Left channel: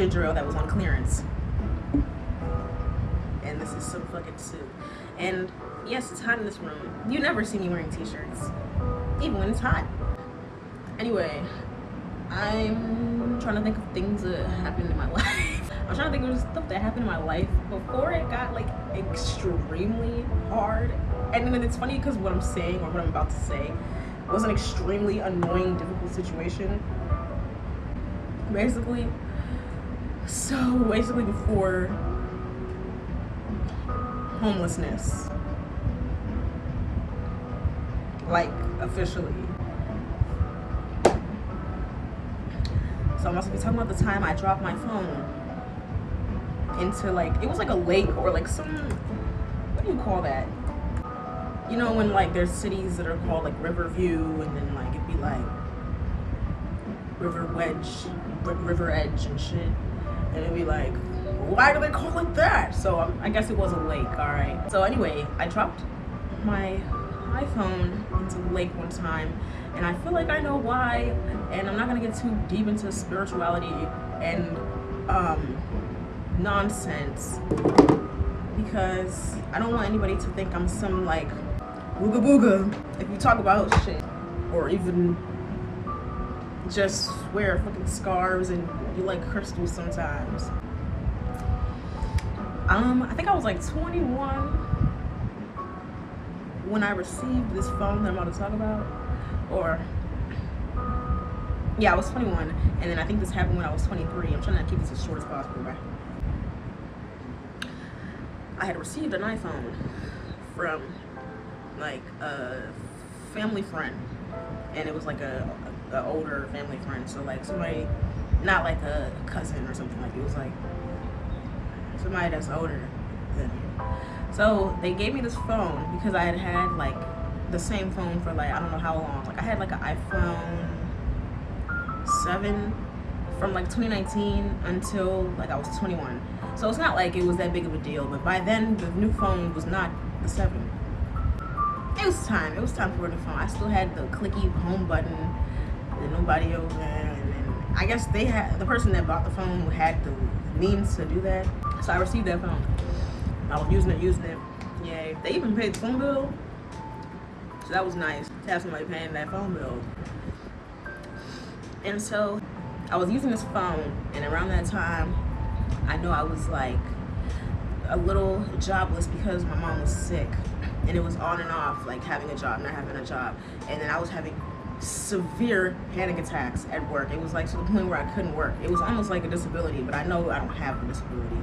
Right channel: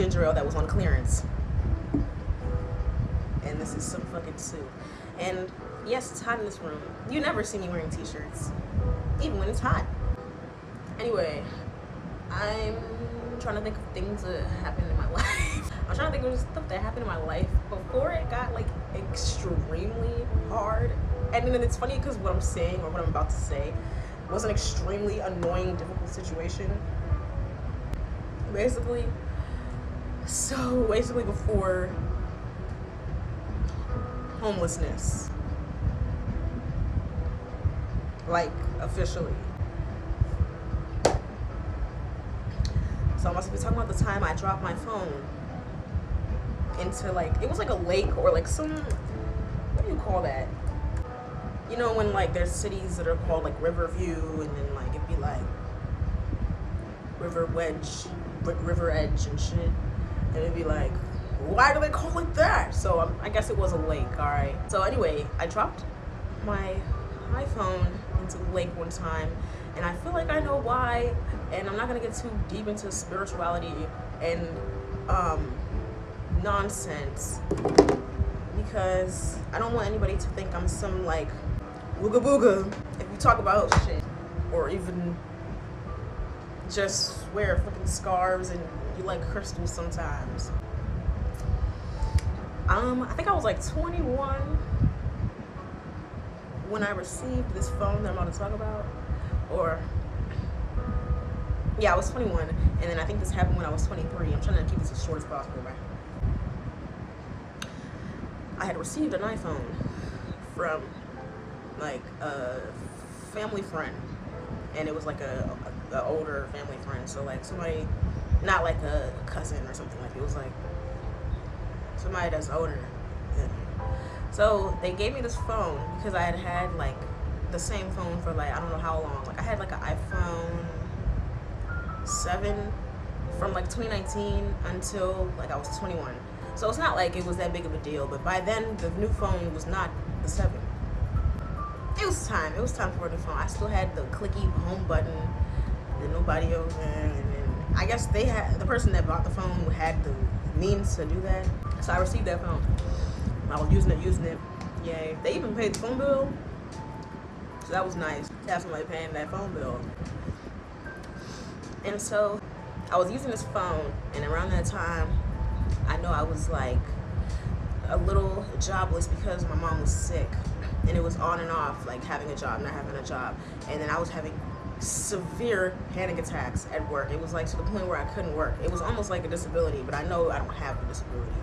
ginger ale that was on clearance. And this is some fucking soup. And yes, it's hot in this room. You never see me wearing t-shirts, even when it's hot. Anyway, I'm trying to think of things that happened in my life. I'm trying to think of stuff that happened in my life before it got like extremely hard. And then it's funny because what I'm saying, or what I'm about to say, was an extremely annoying, difficult situation. Basically before homelessness, like officially. So I must be talking about the time I dropped my phone into like, it was like a lake or like some, what do you call that? You know when like there's cities that are called like Riverview, and then like it'd be like River Edge and shit, and it'd be like, why do they call it that? So I guess it was a lake, all right. So anyway, I dropped my iPhone into the lake one time, and I feel like I know why, and I'm not gonna get too deep into spirituality and nonsense, because I don't want anybody to think I'm some like ooga booga if you talk about shit, or even just wear fucking scarves and you like crystals sometimes. I think I was like 21 when I received this phone that I'm about to talk about, or yeah, I was 21, and then I think this happened when I was 23. I'm trying to keep this as short as possible, right? I had received an iPhone from like a family friend, and it was like a older family friend, so like somebody, not like a cousin or something, like it was like somebody that's older than me. So they gave me this phone because I had like the same phone for like I don't know how long. Like I had like an iPhone 7 from like 2019 until like I was 21. So it's not like it was that big of a deal, but by then the new phone was not the 7. It was time for a new phone. I still had the clicky home button and nobody over there, and then I guess the person that bought the phone had the means to do that. So I received that phone. I was using it. Yay. They even paid the phone bill. So that was nice to have somebody paying that phone bill. And so I was using this phone, and around that time, I know I was like a little jobless because my mom was sick, and it was on and off, like having a job, not having a job. And then I was having severe panic attacks at work. It was like to the point where I couldn't work. It was almost like a disability, but I know I don't have a disability.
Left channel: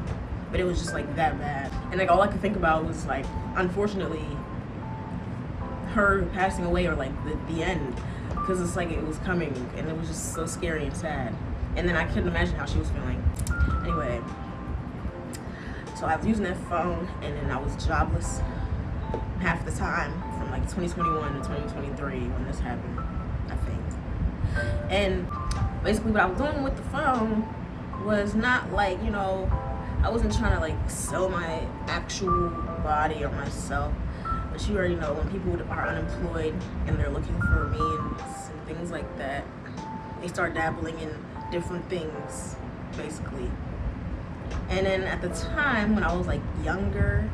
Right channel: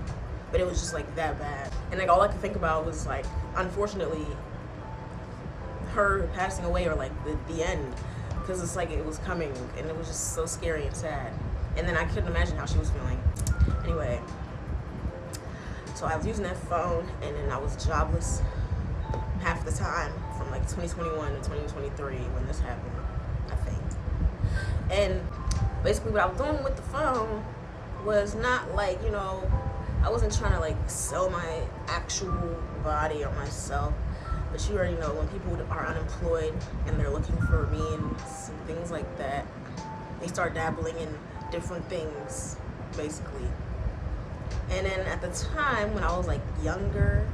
But it was just like that bad. And like all I could think about was like, unfortunately, her passing away, or like the end, because it's like it was coming, and it was just so scary and sad. And then I couldn't imagine how she was feeling. Anyway, so I was using that phone, and then I was jobless half the time from like 2021 to 2023 when this happened, I think. And basically what I was doing with the phone was not like, you know, I wasn't trying to like sell my actual body or myself, but you already know when people are unemployed and they're looking for means and things like that, they start dabbling in different things, basically. And then at the time when I was like younger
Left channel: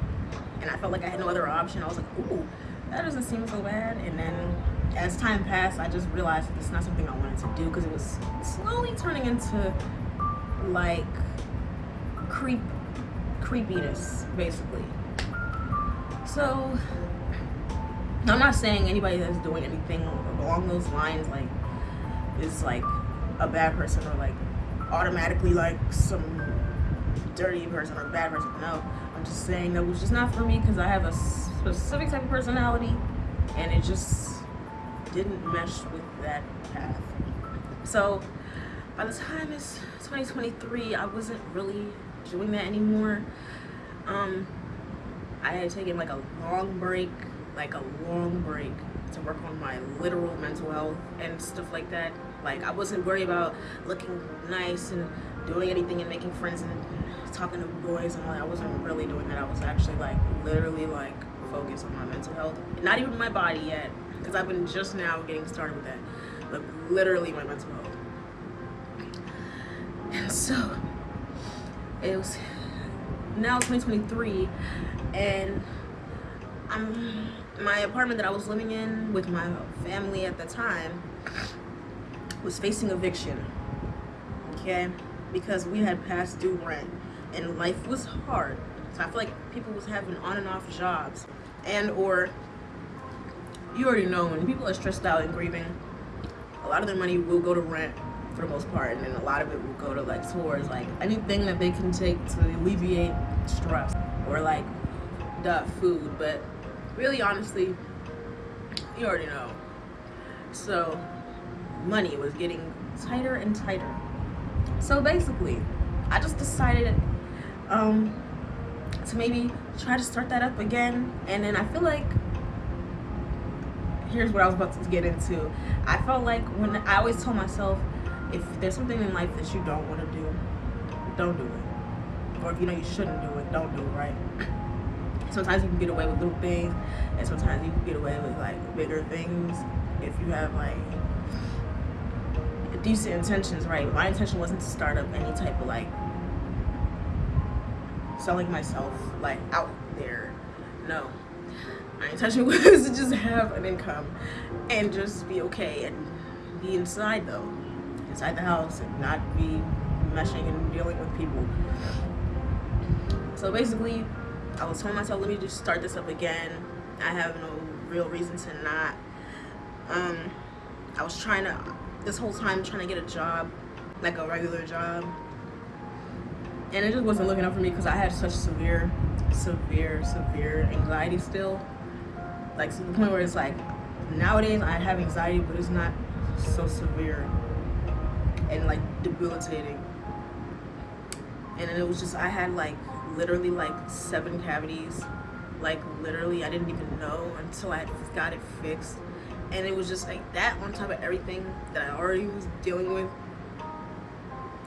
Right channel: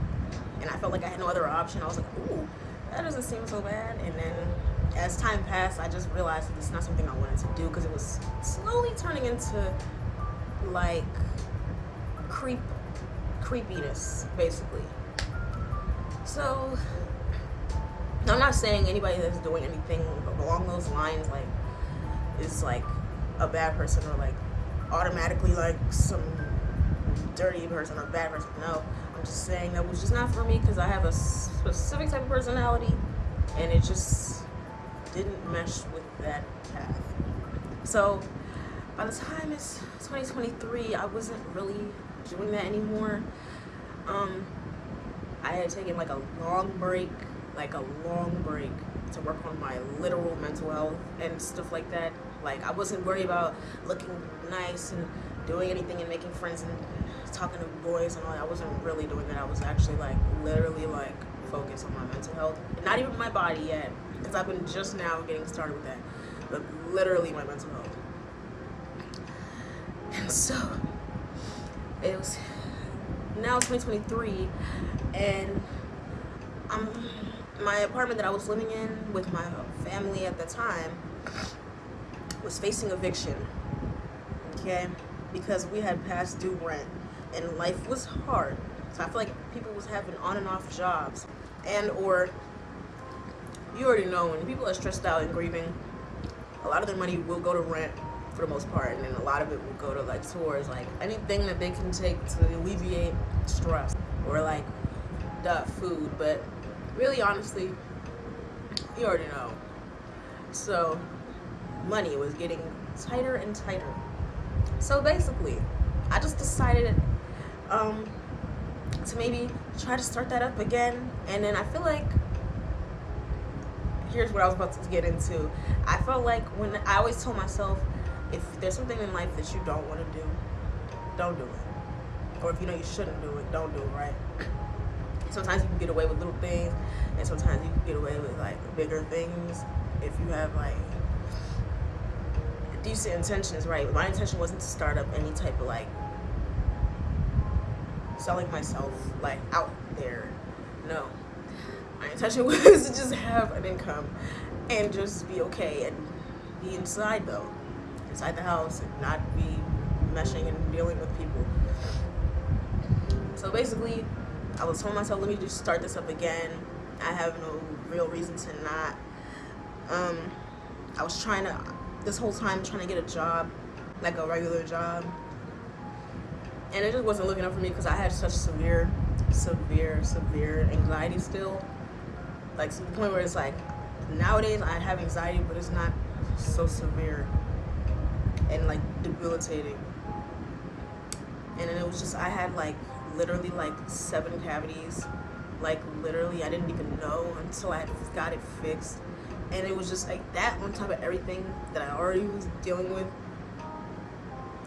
and I felt like I had no other option, I was like, ooh, that doesn't seem so bad. And then as time passed, I just realized that it's not something I wanted to do, because it was slowly turning into like creepiness, basically. So I'm not saying anybody that's doing anything along those lines like is like a bad person, or like automatically like some dirty person or bad person. No, I'm just saying that was just not for me, because I have a specific type of personality, and it just didn't mesh with that path. So by the time it's 2023, I wasn't really doing that anymore. I had taken like a long break to work on my literal mental health and stuff like that. Like I wasn't worried about looking nice and doing anything and making friends and talking to boys and all that. I wasn't really doing that. I was actually like literally like focused on my mental health. Not even my body yet, because I've been just now getting started with that. But literally my mental health. And so It was now 2023, and my apartment that I was living in with my family at the time was facing eviction, okay, because we had past due rent and life was hard. So I feel like people was having on and off jobs, and or you already know when people are stressed out and grieving, a lot of their money will go to rent for the most part, and then a lot of it will go to like towards like anything that they can take to alleviate stress, or like the food. But really, honestly, you already know. So money was getting tighter and tighter. So basically, I just decided to maybe try to start that up again. And then I feel like, here's what I was about to get into. I felt like when I always told myself, if there's something in life that you don't want to do, don't do it. Or if you know you shouldn't do it, don't do it, right? Sometimes you can get away with little things, and sometimes you can get away with like bigger things if you have like decent intentions, right? My intention wasn't to start up any type of like selling myself like out there. No. My intention was to just have an income and just be okay and be inside though. Inside the house and not be meshing and dealing with people. So basically, I was telling myself, let me just start this up again. I have no real reason to not. I was trying to, this whole time, trying to get a job, like a regular job. And it just wasn't looking up for me because I had such severe anxiety still. Like to the point where it's like, nowadays I have anxiety, but it's not so severe and like debilitating. And then it was just, I had like literally like 7 cavities. Like literally, I didn't even know until I got it fixed. And it was just like that on top of everything that I already was dealing with.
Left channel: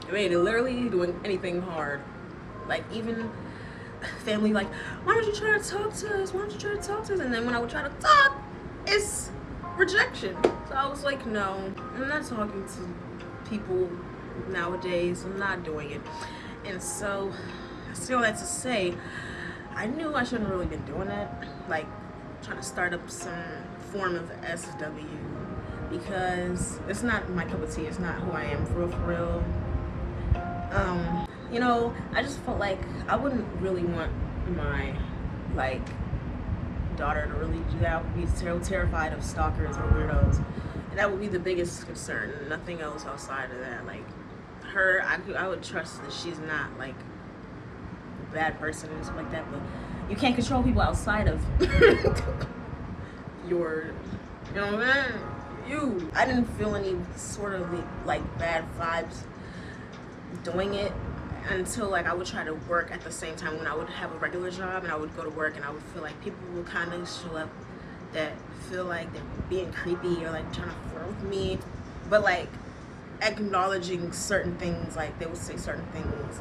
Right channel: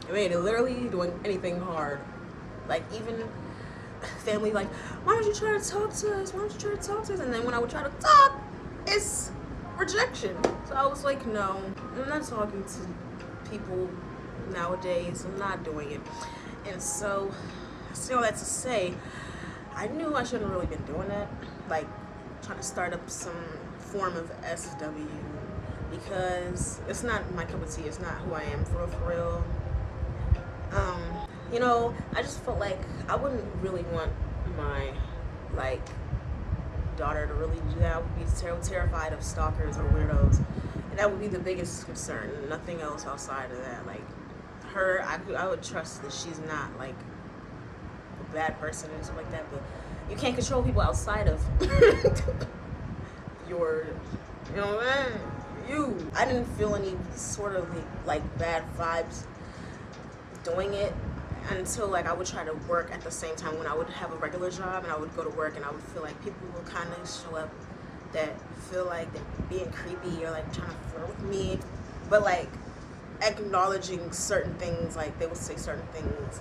I mean, literally doing anything hard. Like even family like, why don't you try to talk to us? Why don't you try to talk to us? And then when I would try to talk, it's rejection. So I was like, no, I'm not talking to people nowadays. I'm not doing it. And so I say all that to say, I knew I shouldn't really been doing that. Like trying to start up some form of SW, because it's not my cup of tea. It's not who I am for real. You know, I just felt like I wouldn't really want my like daughter to really do that. I would be terrified of stalkers or weirdos, and that would be the biggest concern. Nothing else outside of that. Like her, I would trust that she's not like a bad person and stuff like that. But you can't control people outside of your, you know what I mean? I didn't feel any sort of like bad vibes doing it until like I would try to work at the same time when I would have a regular job, and I would go to work and I would feel like people will kind of show up that feel like they're being creepy or like trying to flirt with me, but like acknowledging certain things. Like they would say certain things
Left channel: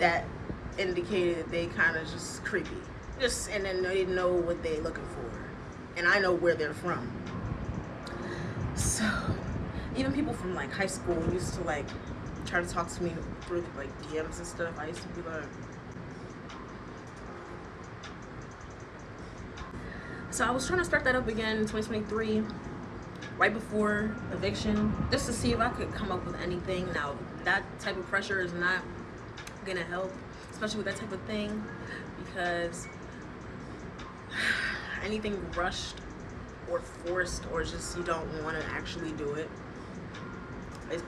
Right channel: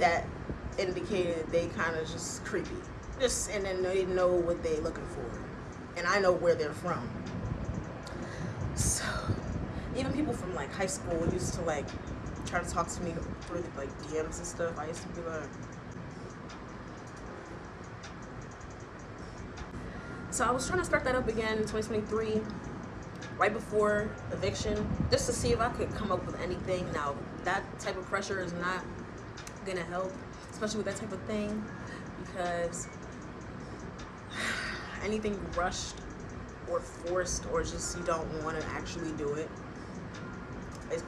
that indicated that they kind of just creepy, just, and then they know what they're looking for, and I know where they're from. So even people from like high school used to like try to talk to me through like DMs and stuff. I used to do that. So I was trying to start that up again in 2023, right before eviction, just to see if I could come up with anything. Now that type of pressure is not gonna help, especially with that type of thing, because anything rushed or forced or just you don't want to actually do it,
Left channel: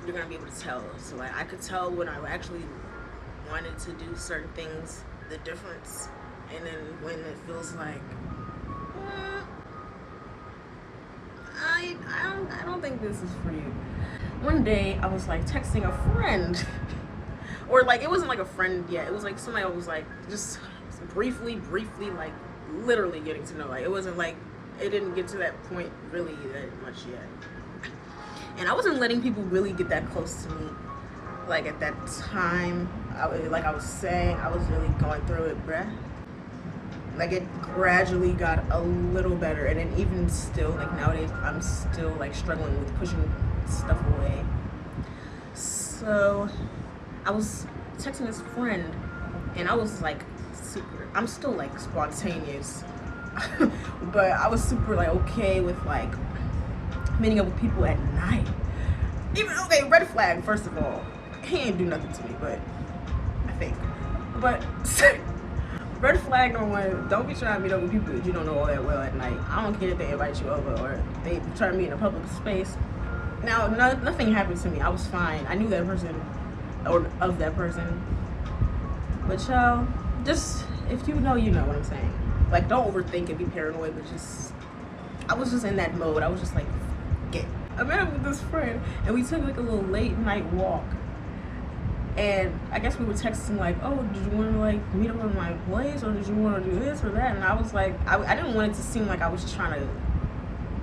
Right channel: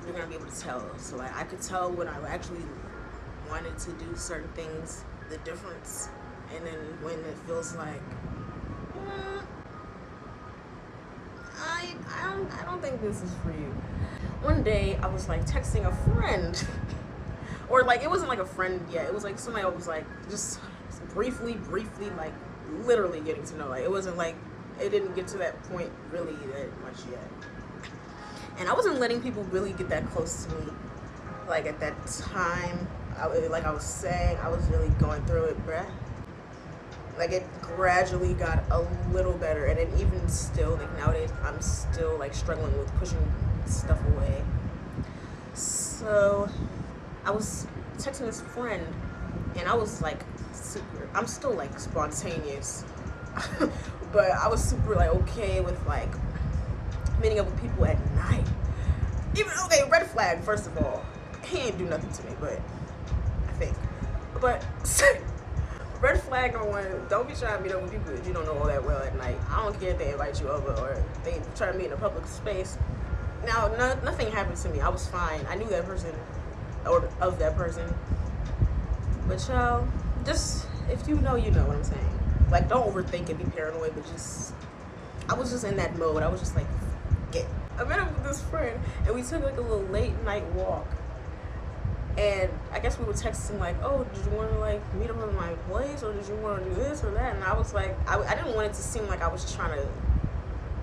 you're gonna be able to tell. So like I could tell when I actually wanted to do certain things, the difference, and then when it feels like I don't think this is for you. One day I was like texting a friend, or like it wasn't like a friend yet. It was like somebody I was like just briefly like literally getting to know. Like it wasn't like, it didn't get to that point really that much yet. And I wasn't letting people really get that close to me. Like at that time, like I was saying, I was really going through it, bruh. Like it gradually got a little better, and then even still, like nowadays, I'm still like struggling with pushing stuff away. So I was texting this friend, and I was like super, I'm still like spontaneous, but I was super like okay with like meeting up with people at night. Even, okay, red flag, first of all. He ain't do nothing to me, but I think. But red flag number one, don't be trying to meet up with people that you don't know all that well at night. I don't care if they invite you over or they try to meet in a public space. Now, nothing happened to me. I was fine. I knew that person, or of that person. But y'all, just, if you know what I'm saying. Like, don't overthink and be paranoid, but just, I was just in that mode. I was just like, I met up with this friend, and we took like a little late night walk. And I guess we were texting like, oh, did you want to like meet up at my place, or did you want to do this or that? And I was like, I didn't want it to seem like I was trying to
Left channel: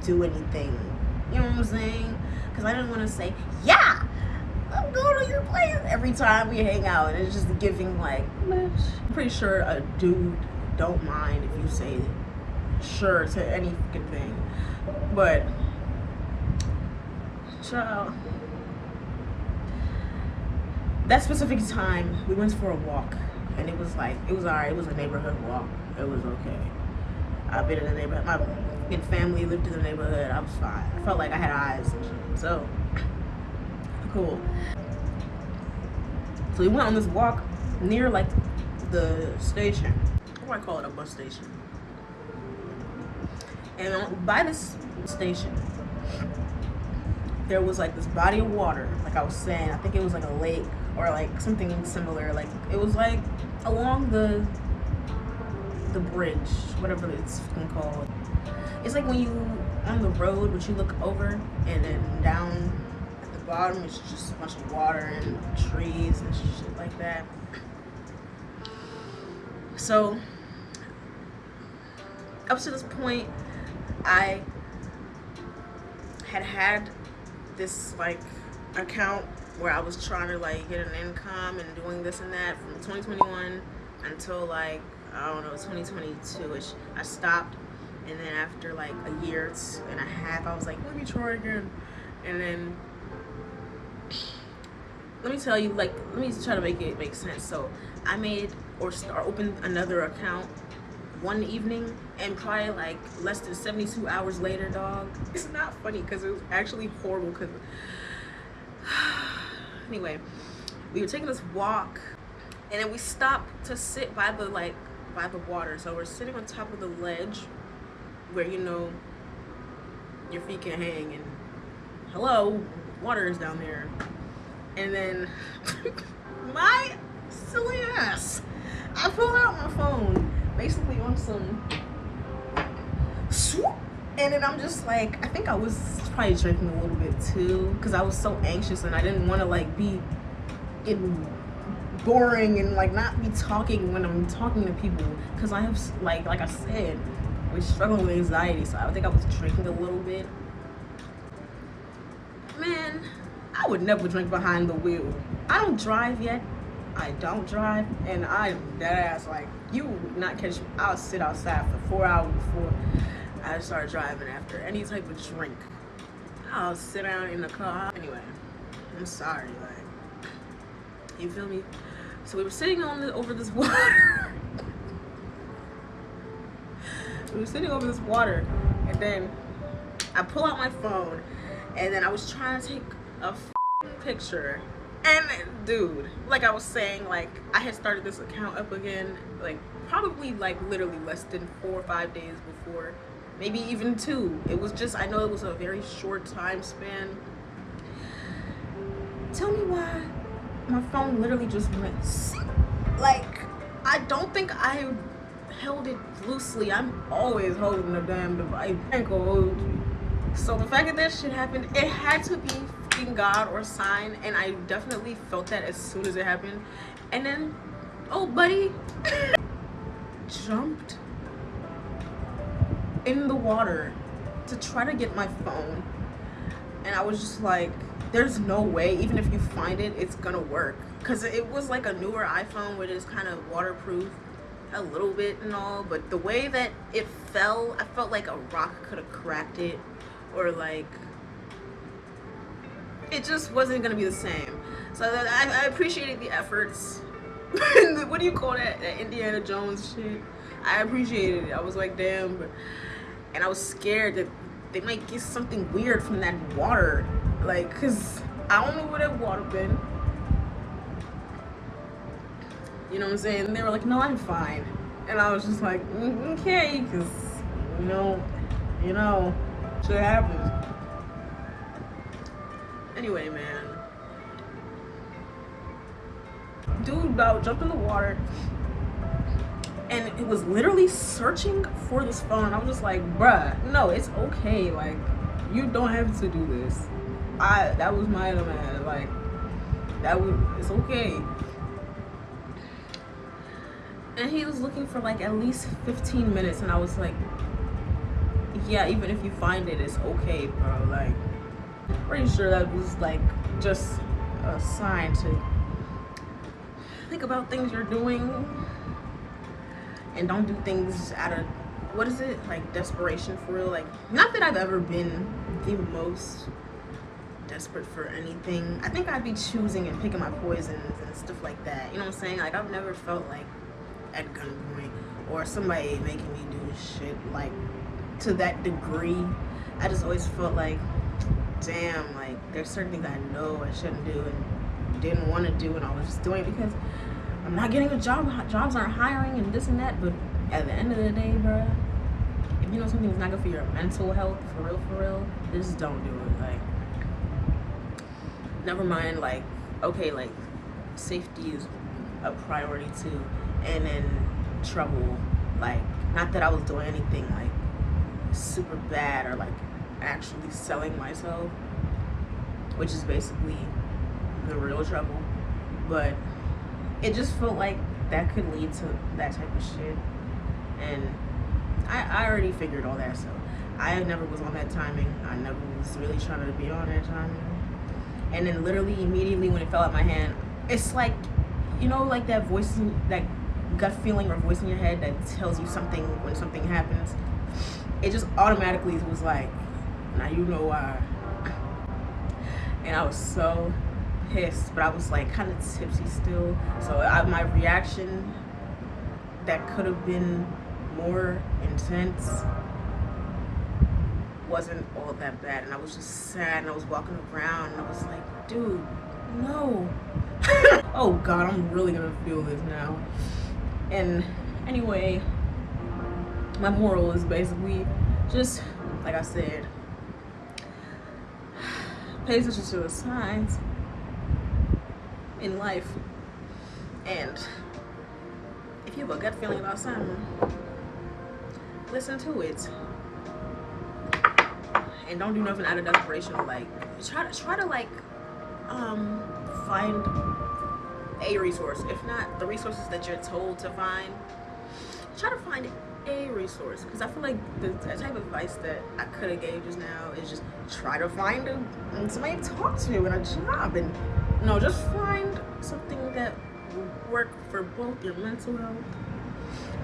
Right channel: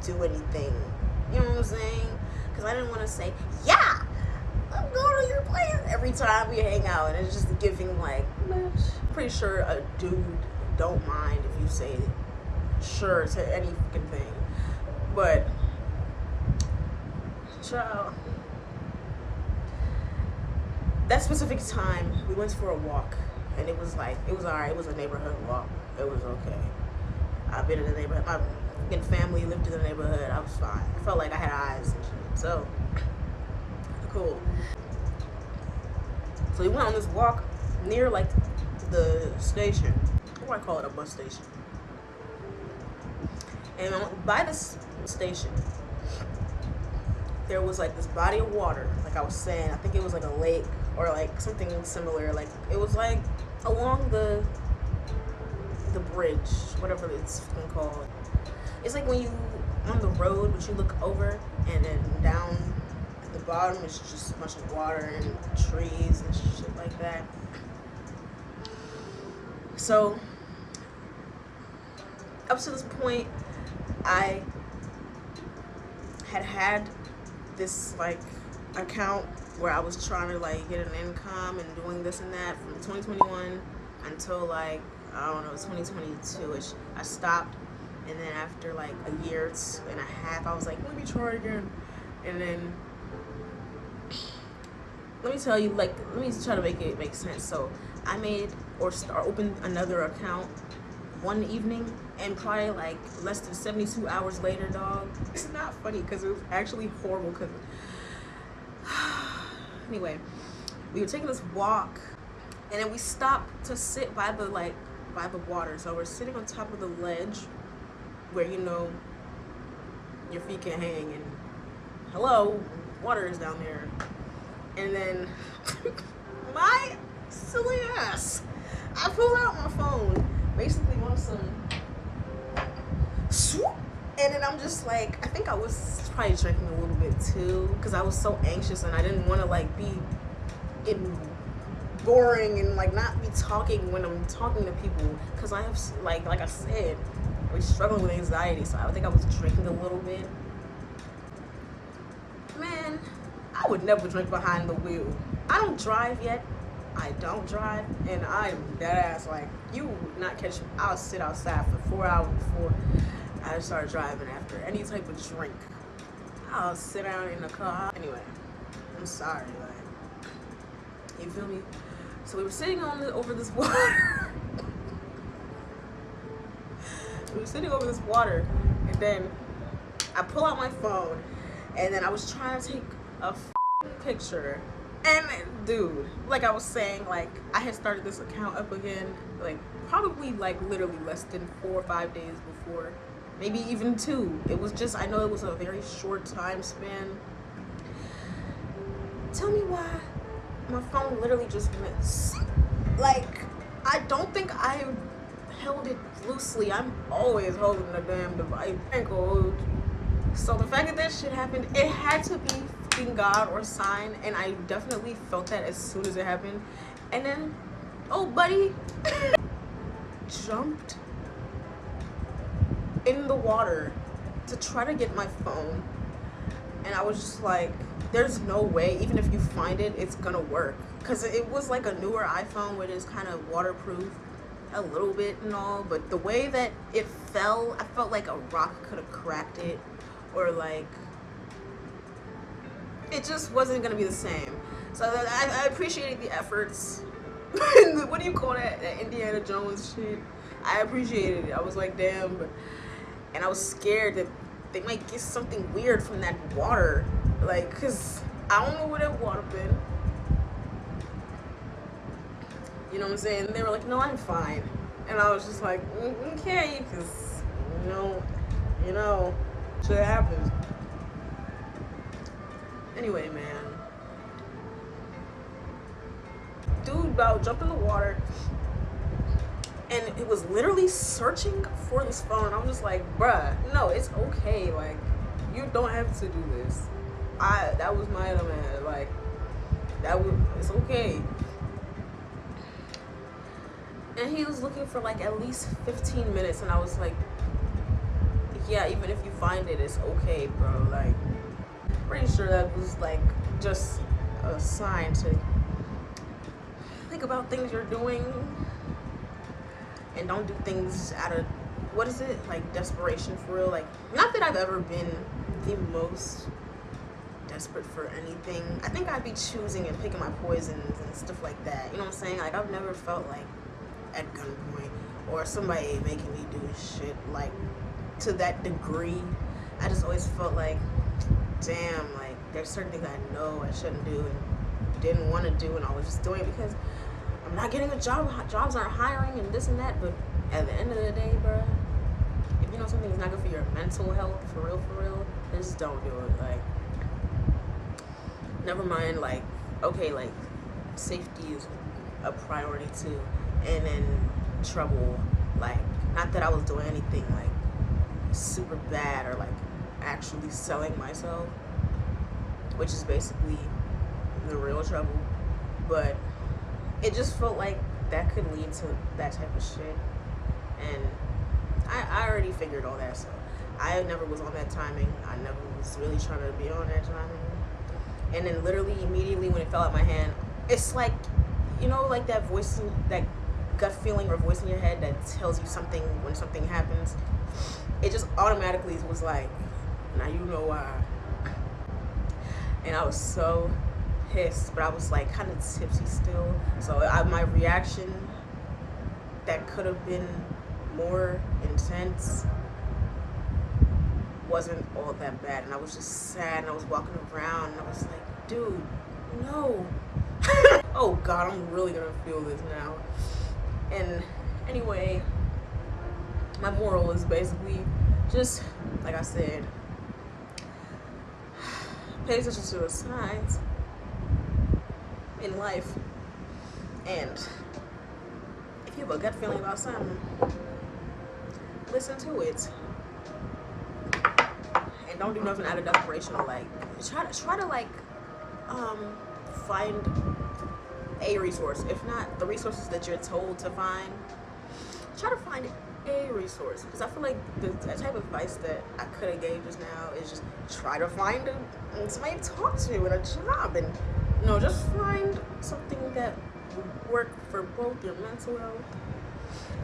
do anything. You know what I'm saying? Because I didn't want to say, yeah, I'm going to your place every time we hang out. And it's just giving like, bitch. I'm pretty sure a dude don't mind if you say sure to any fucking thing. But child, that specific time we went for a walk, and it was alright. It was a neighborhood walk. It was okay. I've been in the neighborhood. My family lived in the neighborhood. I was fine. I felt like I had eyes. So cool. So we went on this walk near like the station. What do I call it? A bus station. And by this station, there was like this body of water, like I was saying. I think it was like a lake or like something similar. Like it was like along the bridge, whatever it's called. It's like when you on the road, but you look over and then down at the bottom, it's just a bunch of water and trees and shit like that. So up to this point, I had this like account where I was trying to like get an income and doing this and that from 2021 until like, I don't know, 2022ish. I stopped, and then after like a year and a half, I was like, let me try again. And then let me tell you, like, let me try to make it make sense. So I opened another account one evening, and probably like less than 72 hours later, dog. It's not funny because it was actually horrible. Because anyway, we were taking this walk, and then we stopped to sit by the water. So we're sitting on top of the ledge where, you know, your feet can hang, and hello, water is down there. And then my silly ass, I pulled out my phone, basically on some swoop, and then I'm just like, I think I was probably drinking a little bit too, because I was so anxious and I didn't want to like be boring and like not be talking when I'm talking to people, because I have like I said, I'm struggling with anxiety. So I think I was drinking a little bit. Man, I would never drink behind the wheel. I don't drive yet. I don't drive, and I'm dead ass. Like, you would not catch me. I'll sit outside for 4 hours before I start driving after any type of drink. I'll sit down in the car. Anyway, I'm sorry, like, you feel me? So we were sitting over this water. We were sitting over this water, and then I pull out my phone, and then I was trying to take a picture. And dude, like I was saying, like I had started this account up again, like probably like literally less than 4 or 5 days before, maybe even 2. It was just, I know it was a very short time span. Tell me why my phone literally just went, like, I don't think I held it loosely. I'm always holding the damn device. So the fact that shit happened, it had to be God or sign, and I definitely felt that as soon as it happened. And then, oh buddy, jumped in the water to try to get my phone, and I was just like, there's no way, even if you find it, it's gonna work, because it was like a newer iPhone, which is kind of waterproof a little bit and all, but the way that it fell, I felt like a rock could have cracked it, or like it just wasn't gonna be the same. So I appreciated the efforts, What do you call that? That Indiana Jones shit. I appreciated it. I was like, damn. And I was scared that they might get something weird from that water. Like, cause I don't know where that water been. You know what I'm saying? And they were like, no, I'm fine. And I was just like, okay, cause you know, shit happens. Anyway, man. Dude about jumped in the water and it was literally searching for this phone. I was just like, bruh, no, it's okay. Like, you don't have to do this. That was my man. Like, it's okay. And he was looking for like at least 15 minutes, and I was like, yeah, even if you find it, it's okay, bro. Like, pretty sure that was like just a sign to think about things you're doing and don't do things out of, what is it, like desperation for real. Like, not that I've ever been the most desperate for anything. I think I'd be choosing and picking my poisons and stuff like that, you know what I'm saying? Like, I've never felt like at gunpoint or somebody making me do shit like to that degree. I just always felt like, damn, like there's certain things I know I shouldn't do and didn't want to do, and I was just doing it because I'm not getting a job, jobs aren't hiring and this and that. But at the end of the day, bro, if you know something's not good for your mental health, for real, just don't do it. Like, never mind, like, okay, like safety is a priority too, and then trouble, like, not that I was doing anything like super bad or like actually selling myself, which is basically the real trouble, but it just felt like that could lead to that type of shit. And I already figured all that, so I never was on that timing. I never was really trying to be on that timing. And then literally immediately when it fell out my hand, it's like, you know, like that voice, that gut feeling or voice in your head that tells you something when something happens. It just automatically was like, now you know why. And I was so pissed, but I was like kind of tipsy still. So my reaction that could have been more intense wasn't all that bad. And I was just sad, and I was walking around and I was like, dude, no. Oh God, I'm really gonna feel this now. And anyway, my moral is basically just, like I said, pay attention to the signs in life. And if you have a gut feeling about something, listen to it. And don't do nothing out of desperation. Or like, try to like find a resource. If not the resources that you're told to find, try to find a resource. Because I feel like the type of advice that I could have gave just now is just try to find somebody to talk to and a job, and no, just find something that will work for both your mental health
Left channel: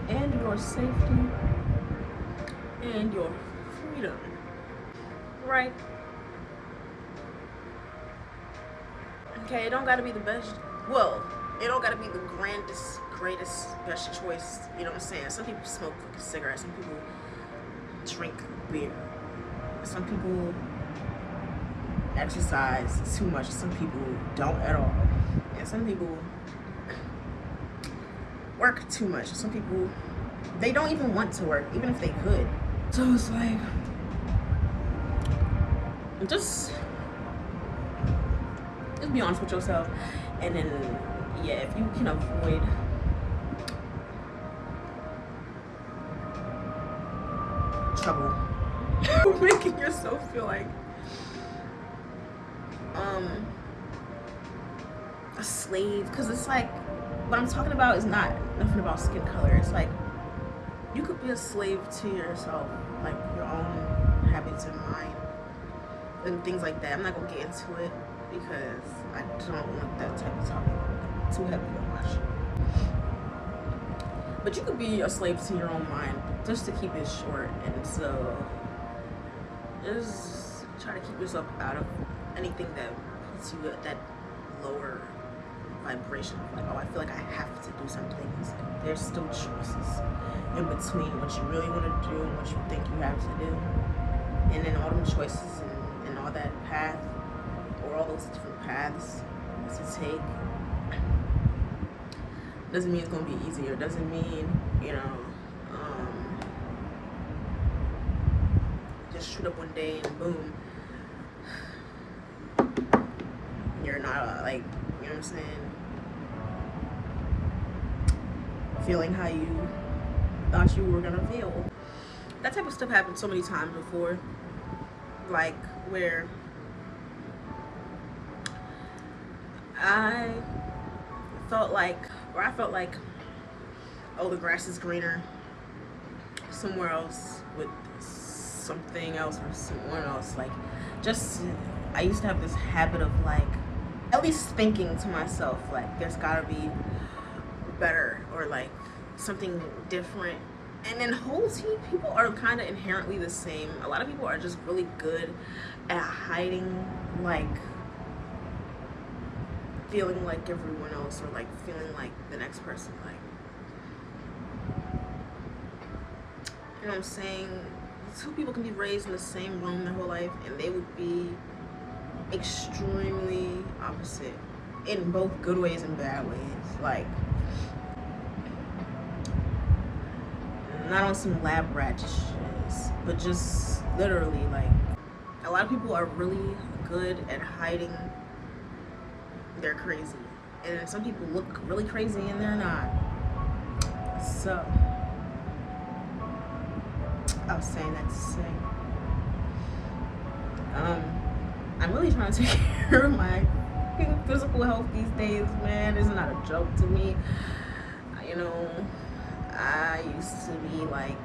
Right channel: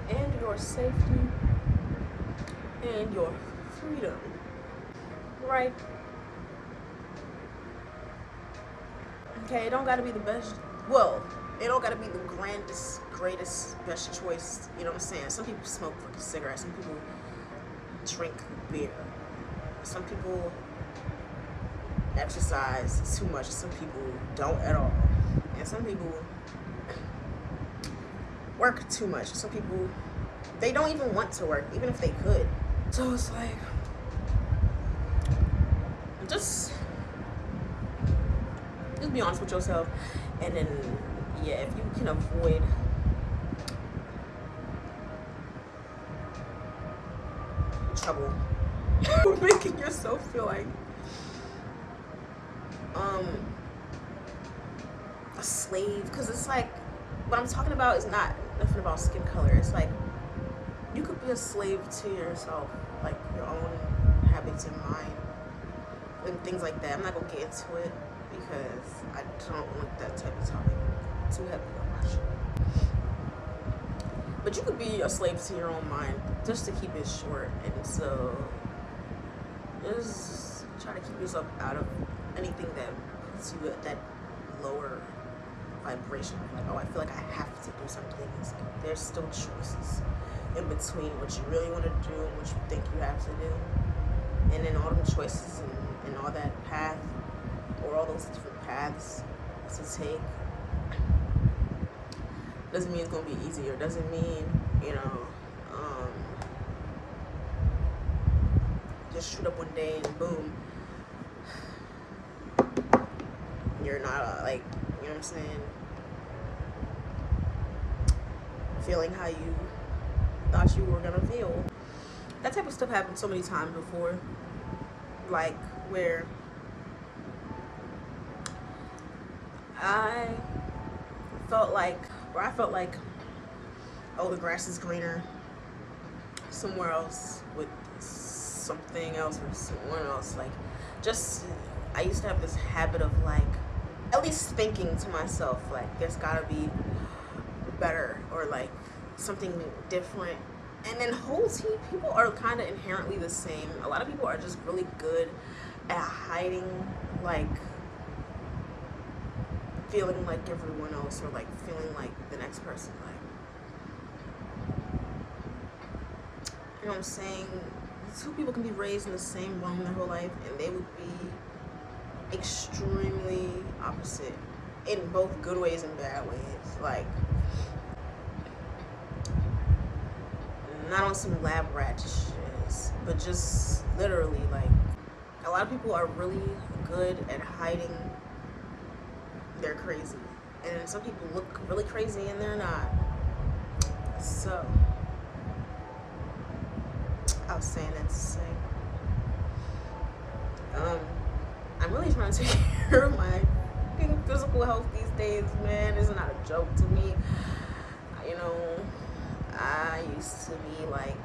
and your safety and your freedom, right? Okay, it don't gotta be the best, well, it don't gotta be the grandest, greatest, best choice, you know what I'm saying? Some people smoke cigarettes, some people drink beer, some people exercise too much, some people don't at all, and some people work too much, some people, they don't even want to work, even if they could. So it's like, just be honest with yourself, and then, yeah, if you can avoid trouble, making yourself feel like a slave, because it's like, what I'm talking about is not nothing about skin color. It's like, you could be a slave to yourself, like your own habits and mind and things like that. I'm not gonna get into it because I don't want that type of topic too heavy to watch. But you could be a slave to your own mind, just to keep it short. And so just try to keep yourself out of anything that puts you at that lower vibration of like, oh, I feel like I have to do something. It's like there's still choices in between what you really want to do and what you think you have to do. And then all the choices and all that path, or all those different paths to take, doesn't mean it's going to be easier. Doesn't mean, just shoot up one day and boom, you're not like, you know what I'm saying, feeling how you thought you were gonna feel. That type of stuff happened so many times before, like where I felt like, oh, the grass is greener somewhere else with something else or someone else. Like, just, I used to have this habit of like, at least thinking to myself, like, there's gotta be better, or like something different. And then whole team people are kind of inherently the same. A lot of people are just really good at hiding, like feeling like everyone else, or like feeling like the next person, like, you know what I'm saying? Two people can be raised in the same room their whole life and they would be extremely opposite in both good ways and bad ways. Like, not on some lab rat shit, but just literally, like, a lot of people are really good at hiding they're crazy, and some people look really crazy and they're not. So I was saying that to say, I'm really trying to take care of my physical health these days, man. It's not a joke to me. You know, I used to be like,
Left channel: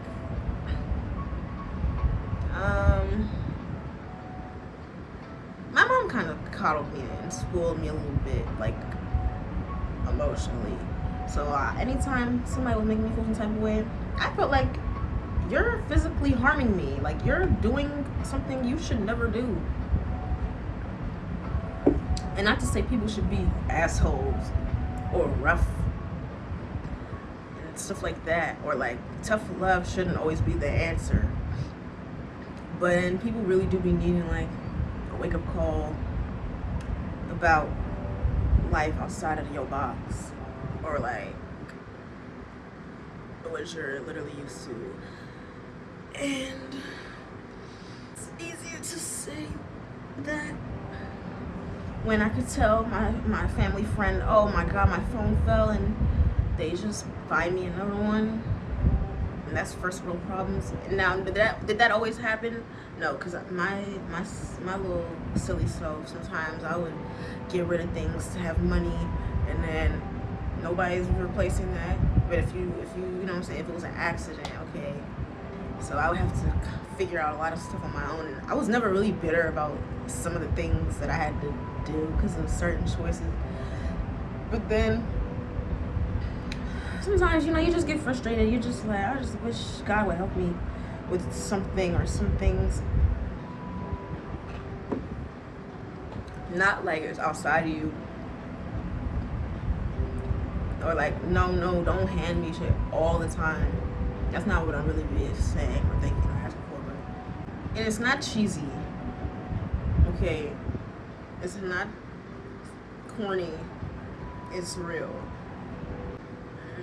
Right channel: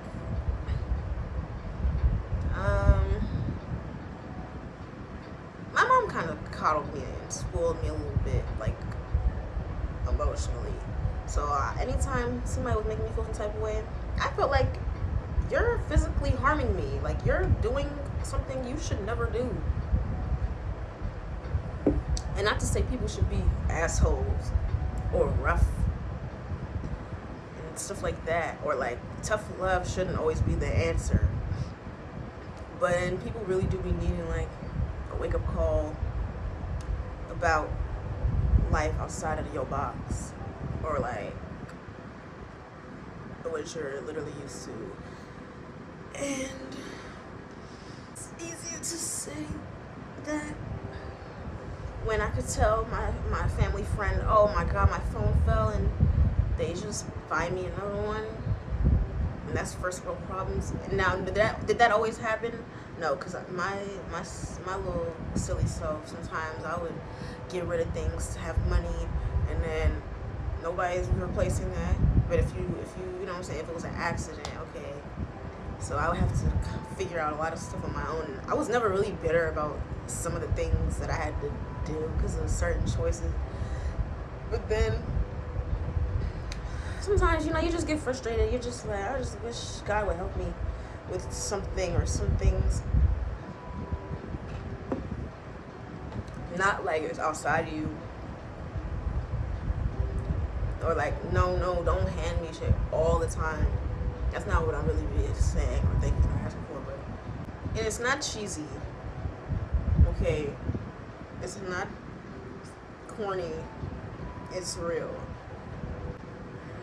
my mom kind of coddled me and spoiled me a little bit, like, emotionally. So anytime somebody was making me feel some type of way, I felt like, you're physically harming me. Like, you're doing something you should never do. And not to say people should be assholes or rough and stuff like that, or like tough love shouldn't always be the answer. But then people really do be needing like a wake-up call about life outside of your box, or like what you're literally used to. And it's easier to say that when I could tell my family friend, oh my god, my phone fell, and they just buy me another one, and that's first world problems. And now, did that always happen? No, because my little silly self, sometimes I would get rid of things to have money, and then nobody's replacing that. But if you know what I'm saying, if it was an accident, okay. So I would have to figure out a lot of stuff on my own. And I was never really bitter about some of the things that I had to do because of certain choices. But then sometimes, you know, you just get frustrated. You're just like, I just wish God would help me with something or some things. Not like it's outside of you. Or like, no, don't hand me shit all the time. That's not what I'm really saying or thinking or asking for, but, and it's not cheesy, okay? It's not corny, it's real.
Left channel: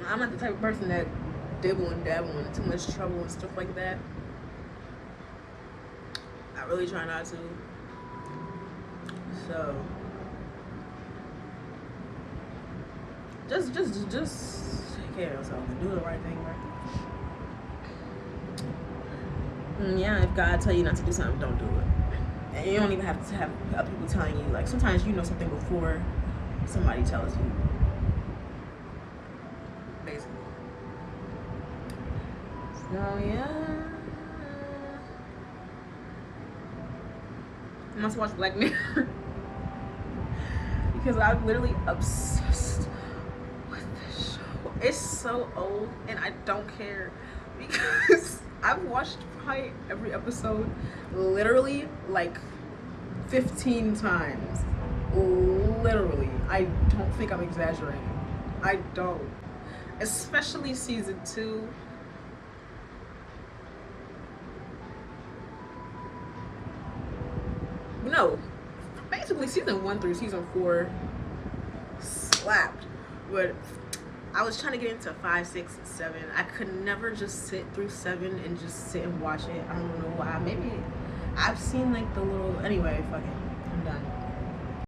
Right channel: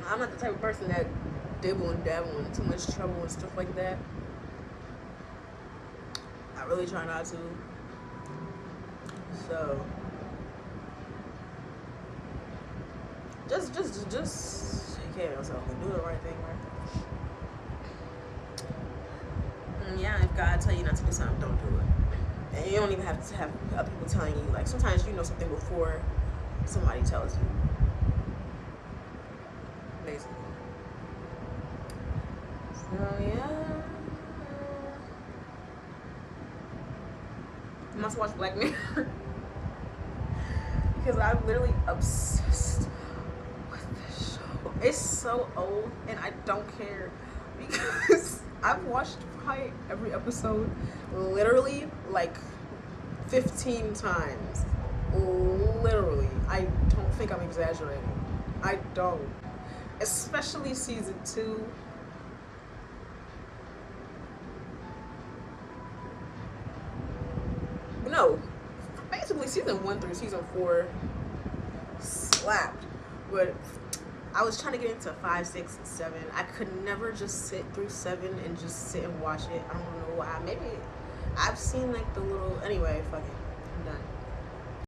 I'm not the type of person that dibble and dabble in too much trouble and stuff like that. I really try not to. So, just take care of yourself and do the right thing, right? And yeah, if God tell you not to do something, don't do it. And you don't even have to have people telling you. Like, sometimes you know something before somebody tells you. Basically. So yeah, I must watch Black Mirror because I'm literally obsessed with this show. It's so old and I don't care because I've watched probably every episode literally like 15 times. Literally. I don't think I'm exaggerating. I don't. Especially season 2. No, basically season 1 through season 4 slapped. But I was trying to get into 5, 6, 7. I could never just sit through 7 and just sit and watch it. I don't know why. Maybe I've seen like the little. Anyway, fuck it. I'm done.